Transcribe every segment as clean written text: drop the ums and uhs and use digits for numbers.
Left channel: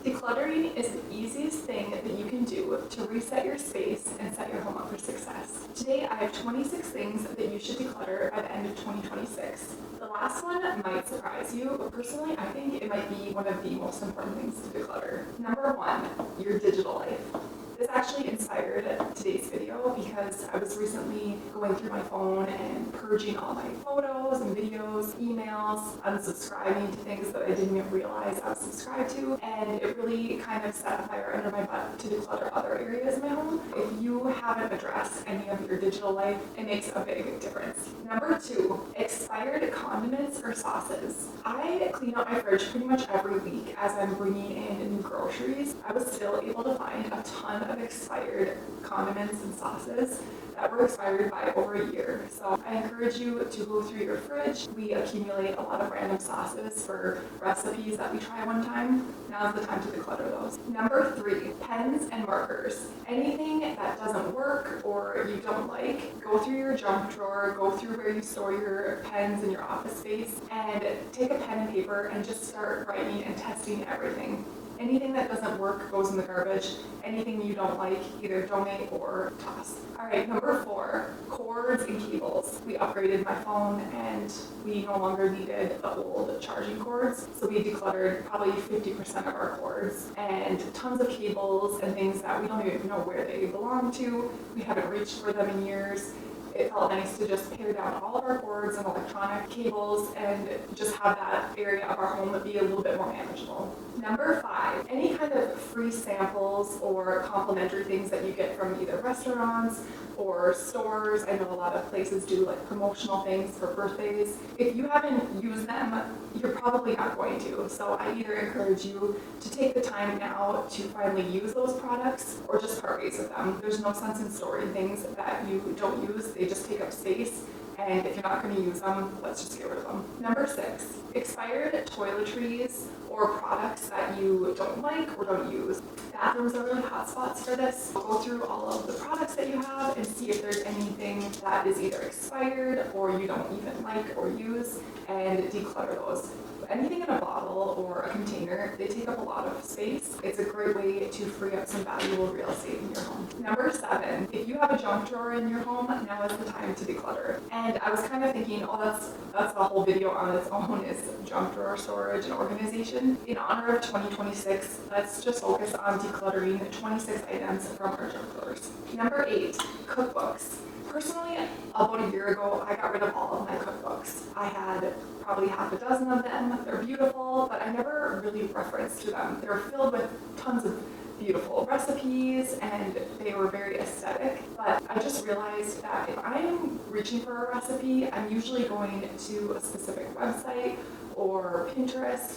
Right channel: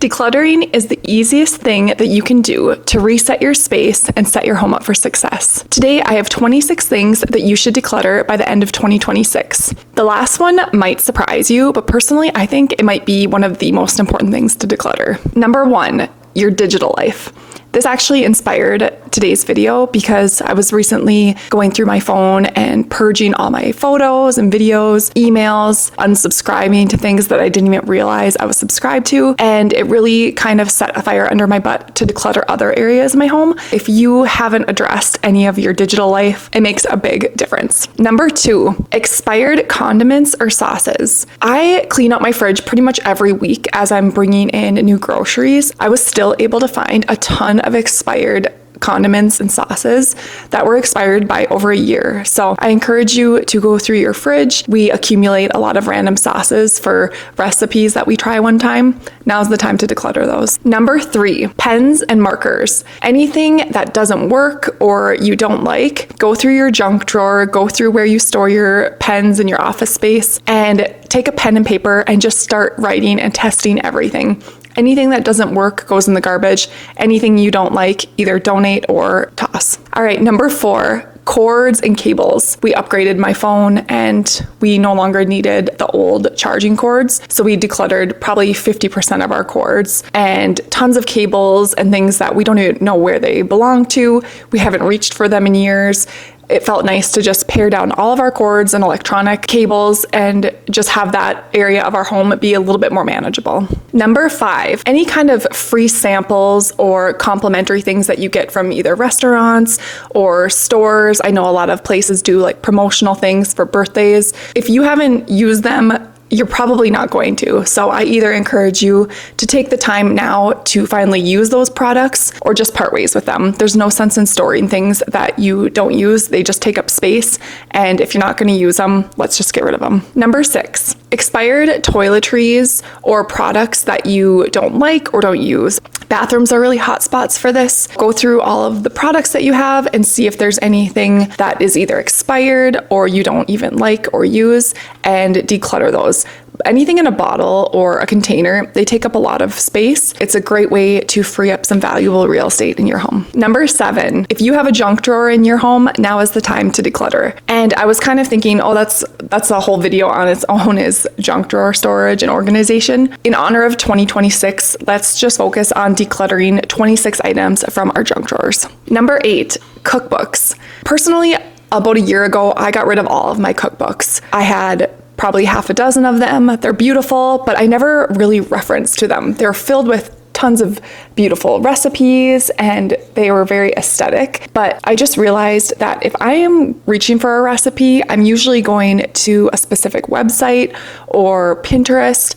Decluttering is the easiest thing that you can do to reset your space and set your home up for success. Today, I have 26 things that you should declutter by the end of 2026. The last one might surprise you, but personally, I think it might be one of the most important things to declutter. Number 1, your digital life. This actually inspired today's video because I was recently going through my phone and purging all my photos and videos, emails, unsubscribing to things that I didn't even realize I was subscribed to, and it really kind of set a fire under my butt to declutter other areas of my home. If you haven't addressed any of your digital life, it makes a big difference. Number 2, expired condiments or sauces. I clean out my fridge pretty much every week as I'm bringing in new groceries. I was still able to find a ton of expired condiments and sauces that were expired by over a year. So I encourage you to go through your fridge. We accumulate a lot of random sauces for recipes that we try one time. Now's the time to declutter those. Number 3, pens and markers. Anything that doesn't work or you don't like, go through your junk drawer, go through where you store your pens in your office space, and take a pen and paper and just start writing and testing everything. Anything that doesn't work goes in the garbage. Anything you don't like, either donate or toss. All right, number 4, cords and cables. We upgraded my phone and we no longer needed the old charging cords. So we decluttered probably 50% of our cords and tons of cables and things that we don't even know where they belong to. We haven't reached for them in years. It felt nice to just pare down all of our cords and electronic cables and just have that area of our home be a little bit more manageable. Number 5, any kind of free samples or complimentary things that you get from either restaurants or stores. I know a lot of places do like promotional things for birthdays. If you haven't used them, you're probably not going to. So I either encourage you to take the time now to finally use those products or just part ways with them. There's no sense in storing things that you don't use. They just take up space. And if you're not going to use them, let's just get rid of them. Number 6, expired toiletries or products that you don't like or don't use. Bathrooms are really hot spots for this. Go through all of the products that you have and see if there's anything that is either expired or you don't even like or use, and declutter those. Anything in a bottle or a container, they take up a lot of space. It's a great way to free up some valuable real estate in your home. Number 7, if you have a junk drawer in your home, now is the time to declutter. And I was kind of thinking, oh, that's a whole video on its own, is junk drawer storage and organization. In honor of 2026, let's just focus on decluttering 26 items from our junk drawers. Number 8, cookbooks. Personally, about a year ago, I got rid of all of my cookbooks. I had probably half a dozen of them. They're beautiful, but I never really referenced to them. They're filled with tons of beautiful recipes and they were very aesthetic. But I just realized that if I am reaching for a recipe, I'm usually going to a specific website or Pinterest,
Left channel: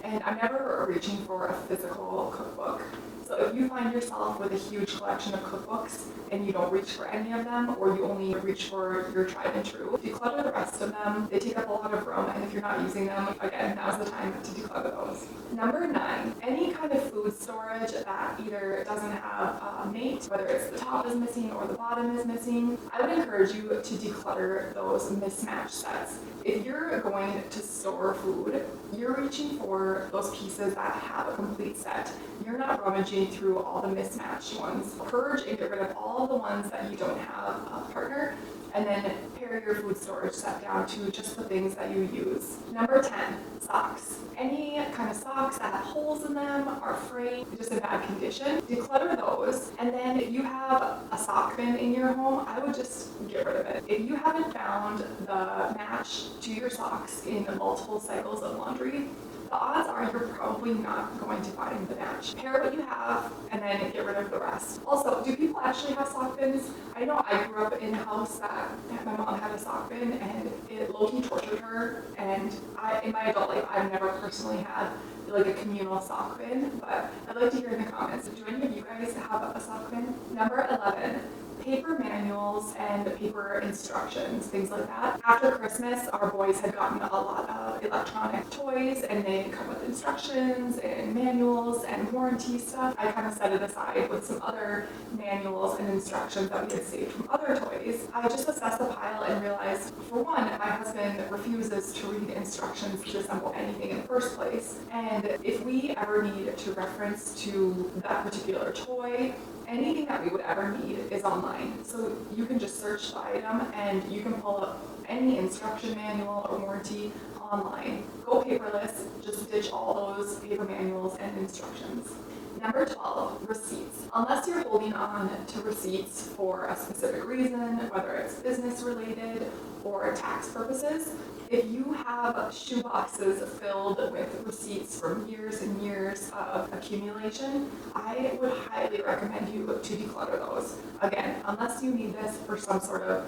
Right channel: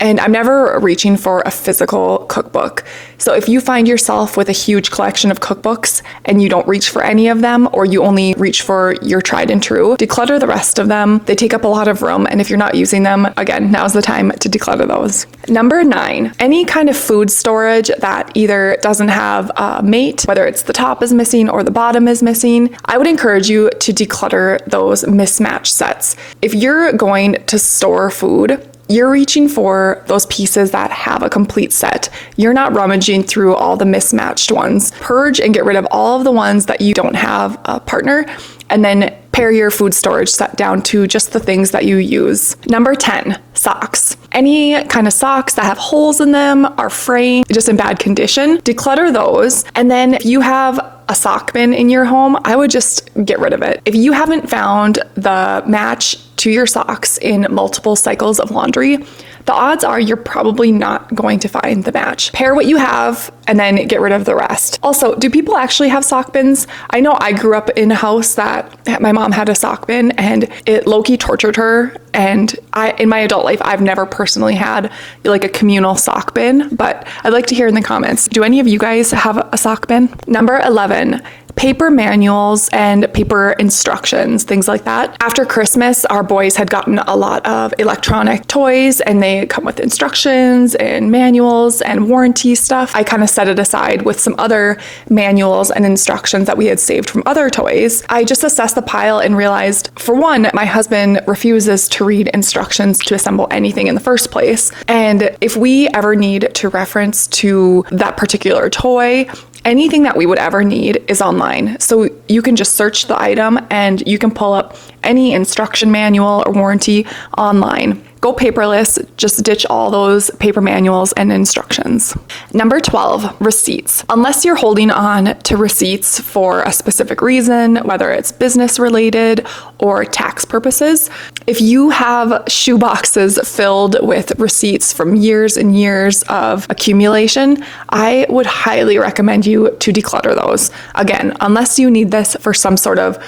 and I'm never reaching for a physical cookbook. So if you find yourself with a huge collection of cookbooks and you don't reach for any of them, or you only reach for your tried and true, declutter the rest of them. They take up a lot of room, and if you're not using them, again, now's the time to declutter those. Number 9, any kind of food storage that either doesn't have a mate, whether it's the top is missing or the bottom is missing, I would encourage you to declutter those mismatched sets. If you're going to store food, you're reaching for those pieces that have a complete set. You're not rummaging through all the mismatched ones. Purge and get rid of all of the ones that you don't have a partner, and then pare your food storage set down to just the things that you use. Number 10, socks. Any kind of socks that have holes in them, are fraying, just in bad condition, declutter those. And then if you have a sock bin in your home, I would just get rid of it. If you haven't found the match to your socks in multiple cycles of laundry, the odds are you're probably not going to find the match. Pair what you have and then get rid of the rest. Also, do people actually have sock bins? I know I grew up in a house that my mom had a sock bin and it low-key tortured her. And in my adult life, I've never personally had like a communal sock bin, but I'd like to hear in the comments, do any of you guys have a sock bin? Number 11, paper manuals and paper instructions, things like that. After Christmas, our boys had gotten a lot of electronic toys and they come with instructions and manuals and warranty stuff. I kind of set it aside with some other manuals and instructions that we had saved from other toys. I just assessed the pile and realized, for one, my husband refuses to read instructions to assemble anything in the first place. And if we ever need to reference to that particular toy, anything that we would ever need is online. So you can just search the item and you can pull up any instruction manual or warranty online. Go paperless, just ditch all those paper manuals and instructions. Number 12, receipts. Unless you're holding on to receipts for a specific reason, whether it's business related or tax purposes, if you have shoe boxes filled with receipts from years and years of accumulation, I would highly recommend you to declutter those. Again, unless you need this for some sort of,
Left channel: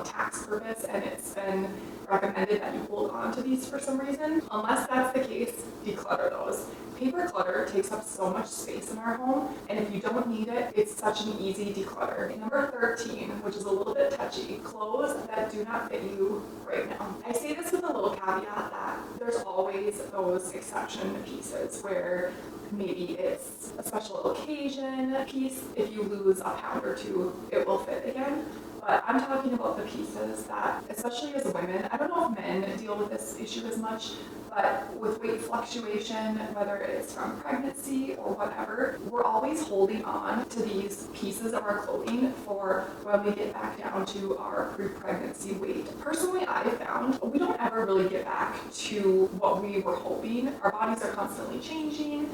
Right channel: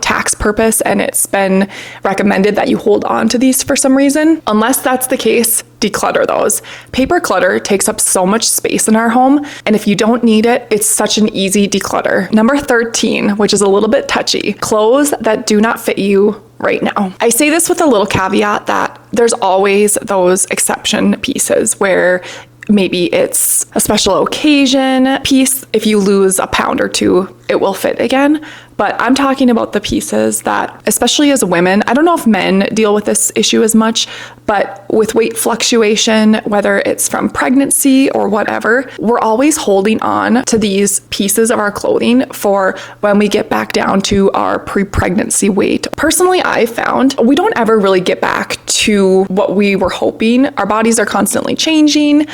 tax purpose and it's been recommended that you hold on to these for some reason. Unless that's the case, declutter those. Paper clutter takes up so much space in our home, and if you don't need it, it's such an easy declutter. Number 13, which is a little bit touchy, clothes that do not fit you right now. I say this with a little caveat that there's always those exception pieces where maybe it's a special occasion piece. If you lose a pound or two, it will fit again. But I'm talking about the pieces that, especially as women, I don't know if men deal with this issue as much, but with weight fluctuation, whether it's from pregnancy or whatever, we're always holding on to these pieces of our clothing for when we get back down to our pre-pregnancy weight. Personally, I found we don't ever really get back to what we were hoping. Our bodies are constantly changing.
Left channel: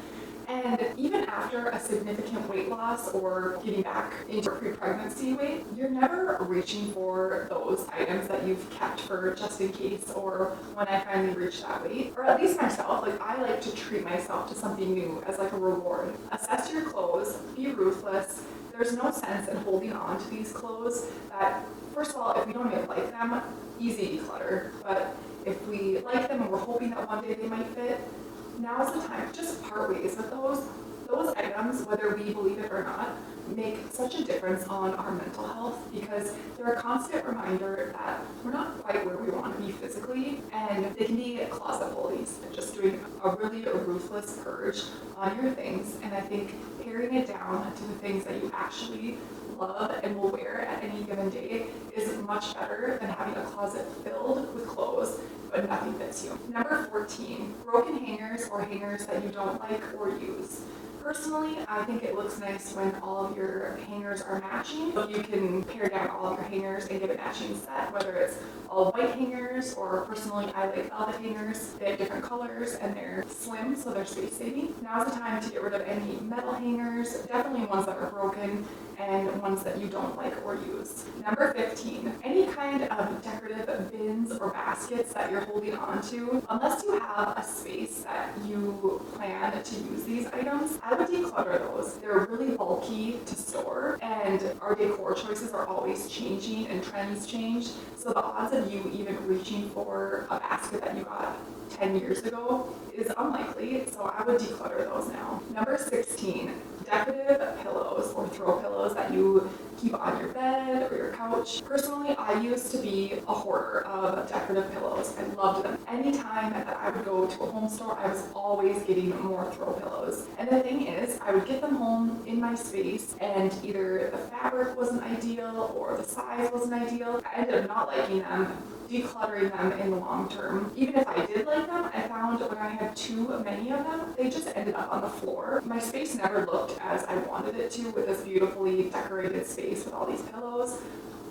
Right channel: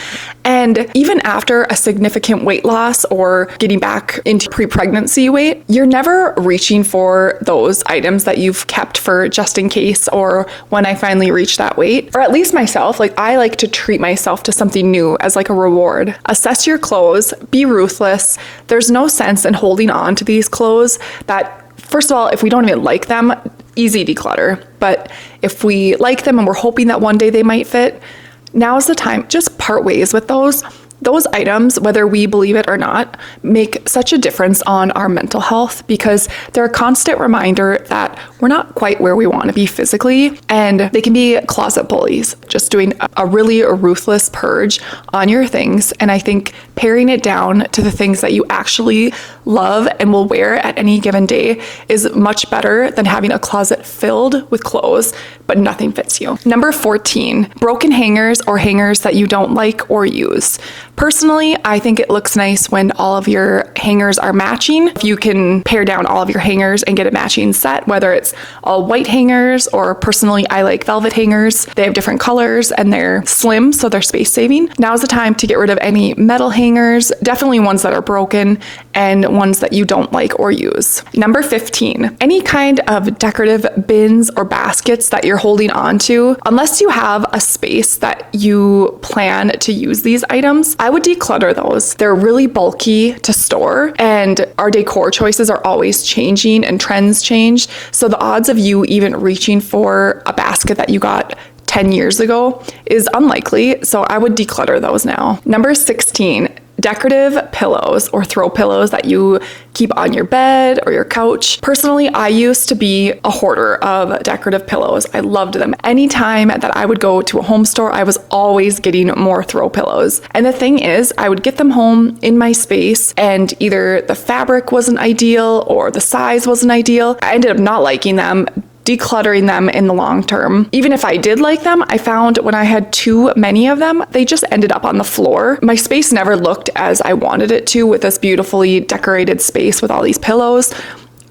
And even after a significant weight loss or getting back into pre-pregnancy weight, you're never reaching for those items that you've kept for just in case or when I finally reach that weight. Or at least myself, I like to treat myself to something new as like a reward. Assess your clothes, be ruthless. There's no sense in holding on to these clothes that, first of all, if we don't even like them, easy declutter. But if we like them and we're hoping that one day they might fit, now's the time. Just part ways with those. Those items, whether we believe it or not, make such a difference on our mental health because they're a constant reminder that we're not quite where we want to be physically, and they can be closet bullies, just doing a really ruthless purge on your things. And I think paring it down to the things that you actually love and will wear at any given day is much better than having a closet filled with clothes but nothing fits you. Number 14, broken hangers or hangers that you don't like or use. Personally, I think it looks nice when all of your hangers are matching. If you can pare down all of your hangers and get a matching set, whether it's all white hangers or personally I like velvet hangers. They have different colors and they're slim, so they're space saving. Now's the time to get rid of any metal hangers, definitely ones that are broken and ones that you don't like or use. Number 15, any kind of decorative bins or baskets that you're holding on to, unless you have a space that you plan to use these items, I would declutter those. They're really bulky to store and our decor choices are always changing and trends change. So the odds of you even reaching for a basket that you got 10 years ago is unlikely. So I would declutter those now. Number 16, decorative pillows or throw pillows that you keep on your bed or your couch. Personally, I used to be a hoarder of decorative pillows. I loved them. Anytime that I would go to a home store, I was always getting more throw pillows. And the thing is, I would get them home in my space and either the fabric wasn't ideal or the size wasn't ideal. I ended up not liking them, decluttering them in the long term. Even if I did like them, I found when I had too many of them, they just ended up on the floor. My space never looked as I wanted it to with this beautifully decorated space with all these pillows.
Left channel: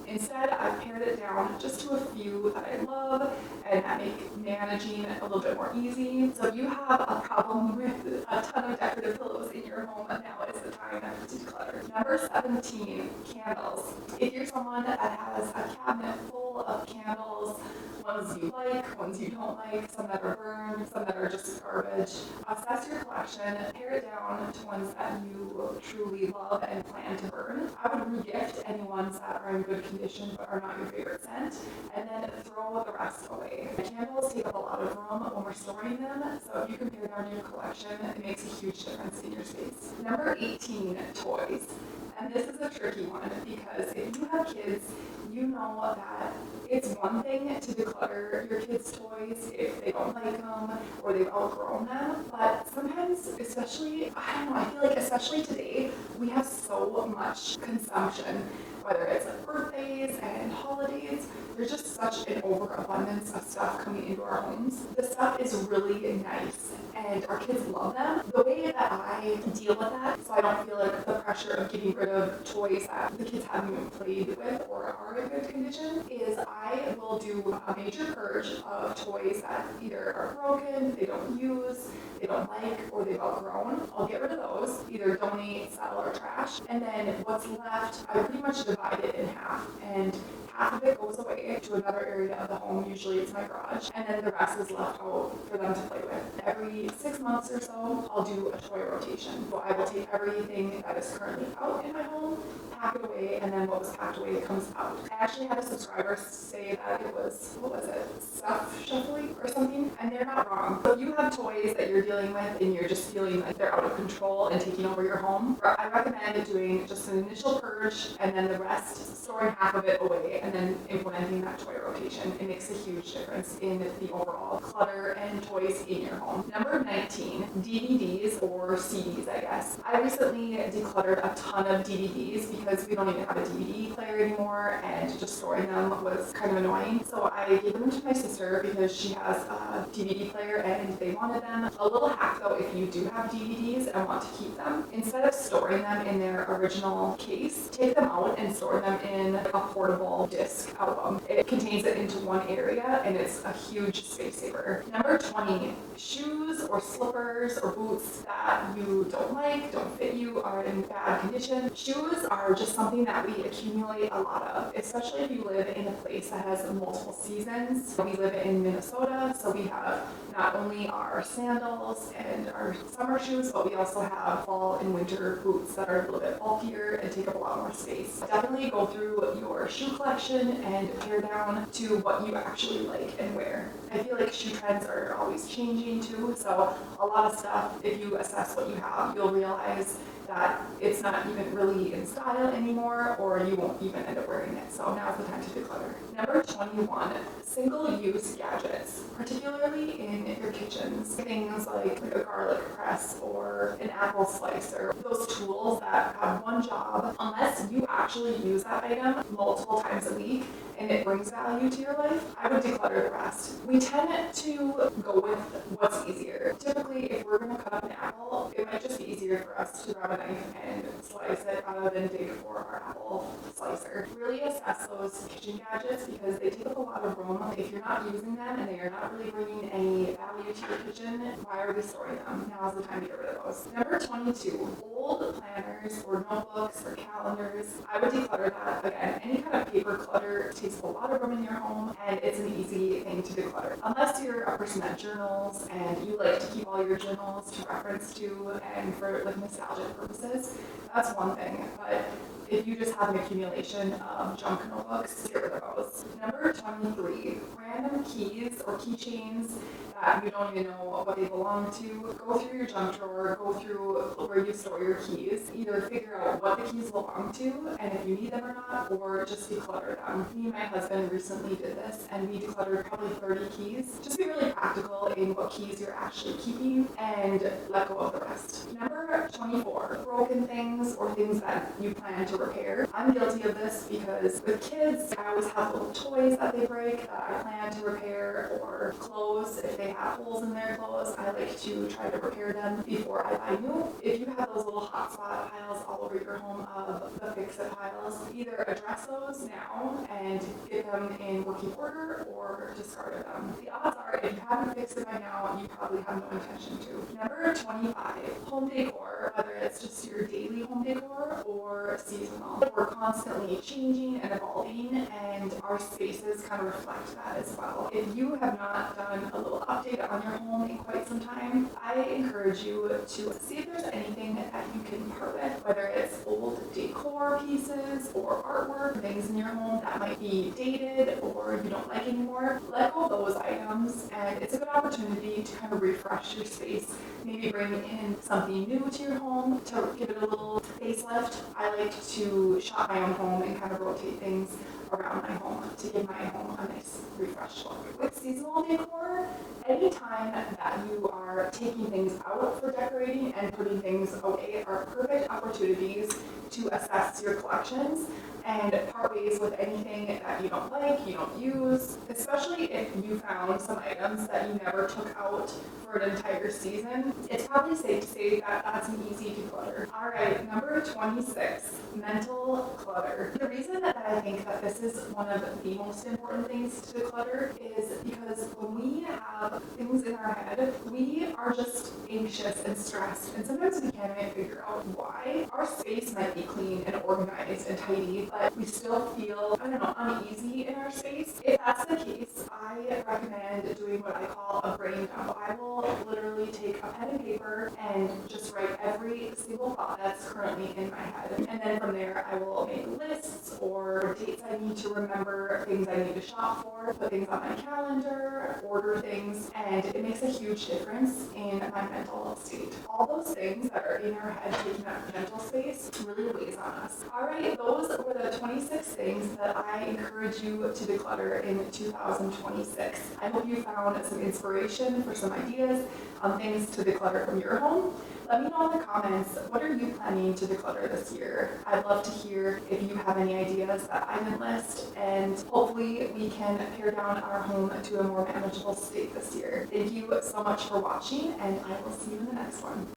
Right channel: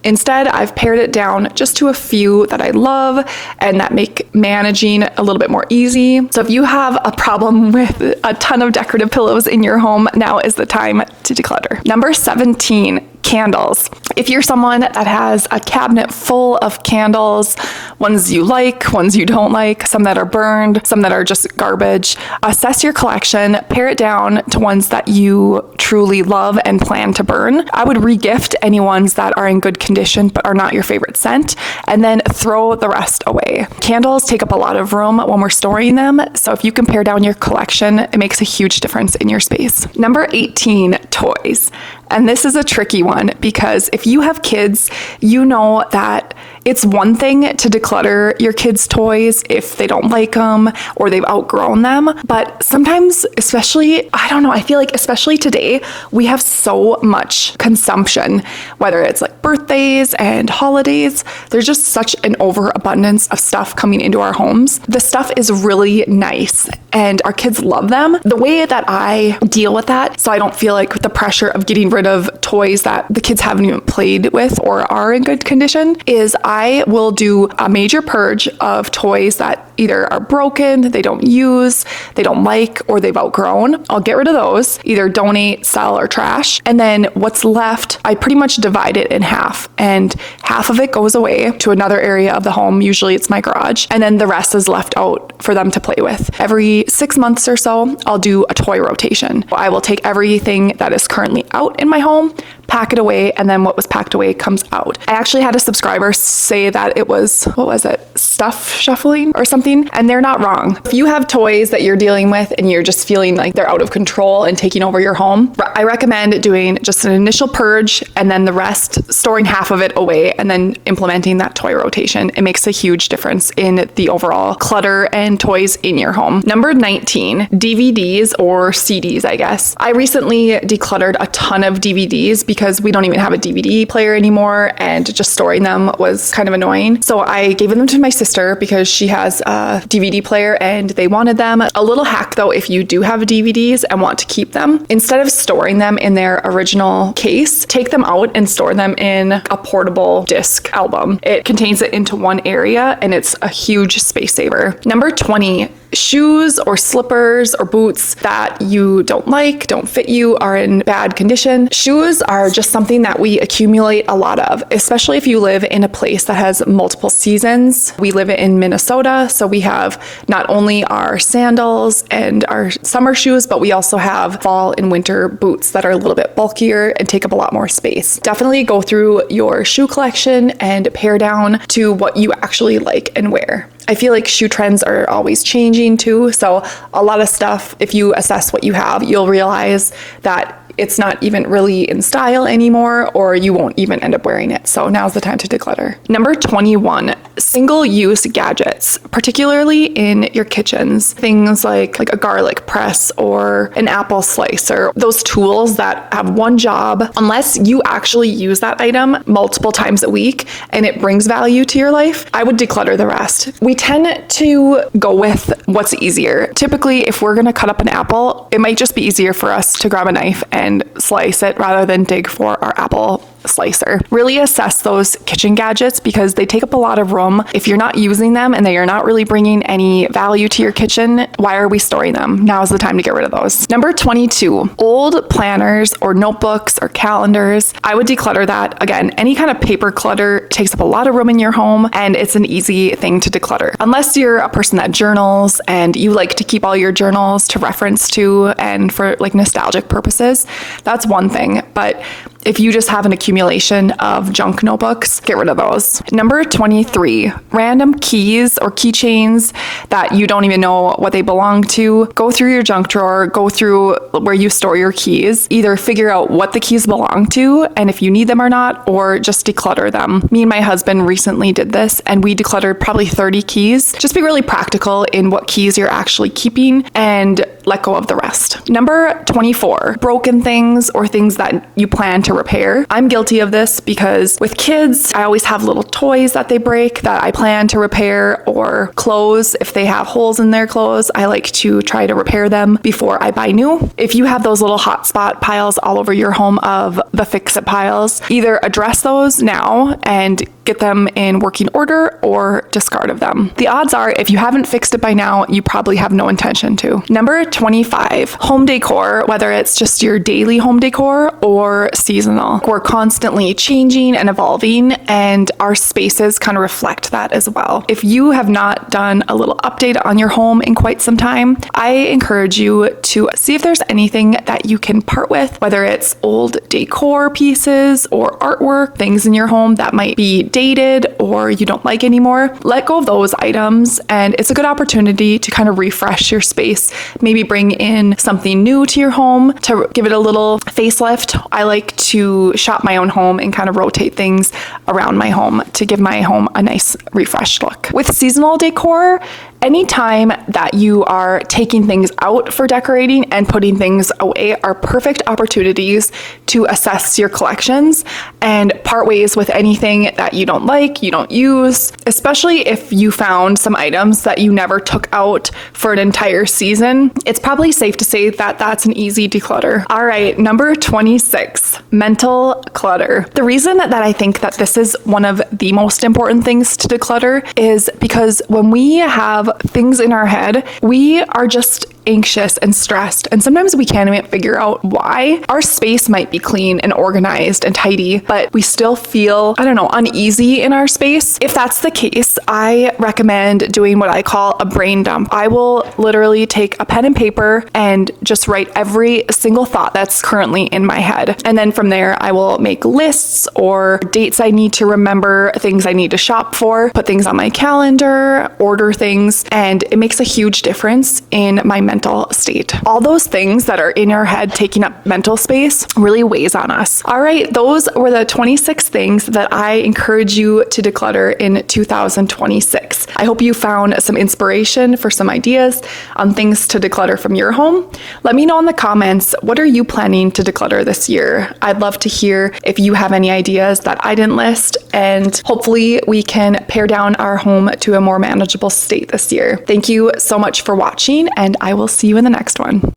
Instead, I've pared it down just to a few that I love and that make managing a little bit more easy. So if you have a problem with a ton of decorative pillows in your home, now is the time to declutter. Number 17, candles. If you're someone that has a cabinet full of candles, ones you like, ones you don't like, some that are burned, some that are just garbage, assess your collection, pare it down to ones that you truly love and plan to burn. I would regift any ones that are in good condition but are not your favorite scent, and then throw the rest away. Candles take up a lot of room when we're storing them, so if you can pare down your collection, it makes a huge difference in your space. Number 18, toys. And this is a tricky one because if you have kids, you know that it's one thing to declutter your kids' toys if they don't like them or they've outgrown them. But sometimes, especially, I don't know, I feel like especially today, we have so much consumption, whether it's like birthdays and holidays. There's just such an overabundance of stuff coming into our homes. The stuff is really nice and our kids love them. The way that I deal with that, so I don't feel like the pressure of getting rid of toys that the kids haven't even played with or are in good condition, is I will do a major purge of toys that either are broken, they don't use, they don't like, or they've outgrown. I'll get rid of those, either donate, sell, or trash. And then what's left, I pretty much divide it in half, and half of it goes away to another area of the home. Usually it's my garage. And then the rest is left out for them to play with. Every 6 months or so, I'll do a toy rotation. I will take everything that is currently out in my home, pack it away, and then what was packed away comes out. I actually had a subscriber say that it was, what was it? Stuff shuffling or something, and they're not wrong. If you have toys that you're dealing with and you're just feeling like they're out of control and taking over your home, I recommend doing just an initial purge and then the rest, storing half of it away and then implementing that toy rotation. It makes a huge difference in the overall clutter and toys in your home. Number 19, DVDs or CDs, I guess. I recently decluttered a ton of DVDs because we don't even have a DVD player anymore, and just storing them was kind of annoying. So I gave them to my sister because she has a DVD player and they wanted them. A little hack though, if you do have DVDs and want to keep them, instead of storing them in their original case, take them out and store them in a portable disc album. It contains it into one area and it's a huge space saver. Number 20, shoes or slippers or boots that you don't like, don't fit you, are in bad condition. Shoes are just something that we accumulate a lot of, especially if you live in a place that has multiple seasons. We live in Minnesota, so we have not only our sandals and our summer shoes, but we also have fall and winter boots that are a little bit bulkier and take up a lot more space. Definitely go through your shoe collection and pare down to what you actually like and wear. I feel like shoe trends are always changing too. So a lot of stuff, if you assess what you have, you'll realize that it's not even really in style anymore, or you won't even end up wearing it. So now's the time to declutter. Number 21, single-use gadgets, particularly in your kitchens. Things like a garlic press or an apple slicer. Those tools that have one job, unless you actually use that item multiple times a week and it brings value to your life, I would declutter the rest. We tend to go with what's easier. Typically, if we're gonna cut up an apple, it might just be easier for us to grab a knife and slice it rather than dig for our apple slicer. Really assess those kitchen gadgets because they take up a lot of room. If you're not using them and they are not really bringing any value to your kitchen, why are we storing them? Now is the time to get rid of those. Number 22, old planners or notebooks or calendars. I would declutter that. Again, any kind of paper clutter takes up a lot of room in your home and it's an easy thing to declutter. Unless you're a person that journals and you like to keep all your journals to reference to and for like nostalgic purposes, that's one thing. But if you just have an accumulation of junk notebooks, get rid of those. Number 23, random keys or keychains that you don't even know what they belong to. Go through your junk drawer, go through where you store your keys. Either figure out what the keys belong to and if you need them or not, or just declutter them. Me and my husband recently did this and we decluttered probably 30 keys. Just be really practical in what keys you're actually keeping and let go of the rest. Number 24, broken things or things that you plan to repair. I'm guilty of this because with kids, I always have little toys that they break that I plan to repair, or clothes. If they have holes in their clothes, I like to try to repair them before I buy new. If you have those little hotspot piles all over your home of the fix-it piles, either address those now and get them in working order or discard of them. The odds are if you haven't fixed it by now, you probably have no intention to. Number 25, home decor, whether it's just your daily home decor or seasonal. We're constantly changing and evolving and our spaces kind of reflect that as well. If you have not done a little update on your home in quite some time, I encourage you to see if there's anything that you can part with, whether it's old decor pieces or artwork, things in your home that might be dated or you don't like anymore, let go of those items. And it's a good opportunity to kind of refresh your space, maybe bring in something new to your home to give it a little facelift. I like to shop my own home and kind of rotate things around my home to give my home a nice refreshed look. With seasonal decor, anytime that you are taking things out for decorating and putting things away are perfect opportunities to assess your collections and part ways with anything that you don't like, you don't use, especially if you found some items that you never took out for an entire season. It's probably safe to say that that's an easy declutter. All right, number 26, mental clutter. The reason that I think that this is one of the most important things to declutter is because when we have things in our head, we are just anxious and stressed, and sometimes we can't even figure out why. Our space might be clean and organized and tidy, but we still feel, uneasy in our space. If that's the case, I recommend doing what I call a brain dump. I will literally take a pen and paper and just write every single thought that's currently in my head. And then from there, I will make lists or dates I need to remember, things I need to shop for, put things on my calendar, order things, and it makes a huge difference in my mental state. All those things that are in your head taking up mental space really weighs on us. All right, those were the 26 things that I encourage you to declutter in 2026. I hope you found some inspiration for some ideas on things to declutter from your home. Let me know in the comments, what are you planning to declutter this year? I'd love to hear if you have any ideas that I didn't list, and hopefully we can pare down our home to a more manageable state this year. Thank you so much for watching, and I will see you in the next one.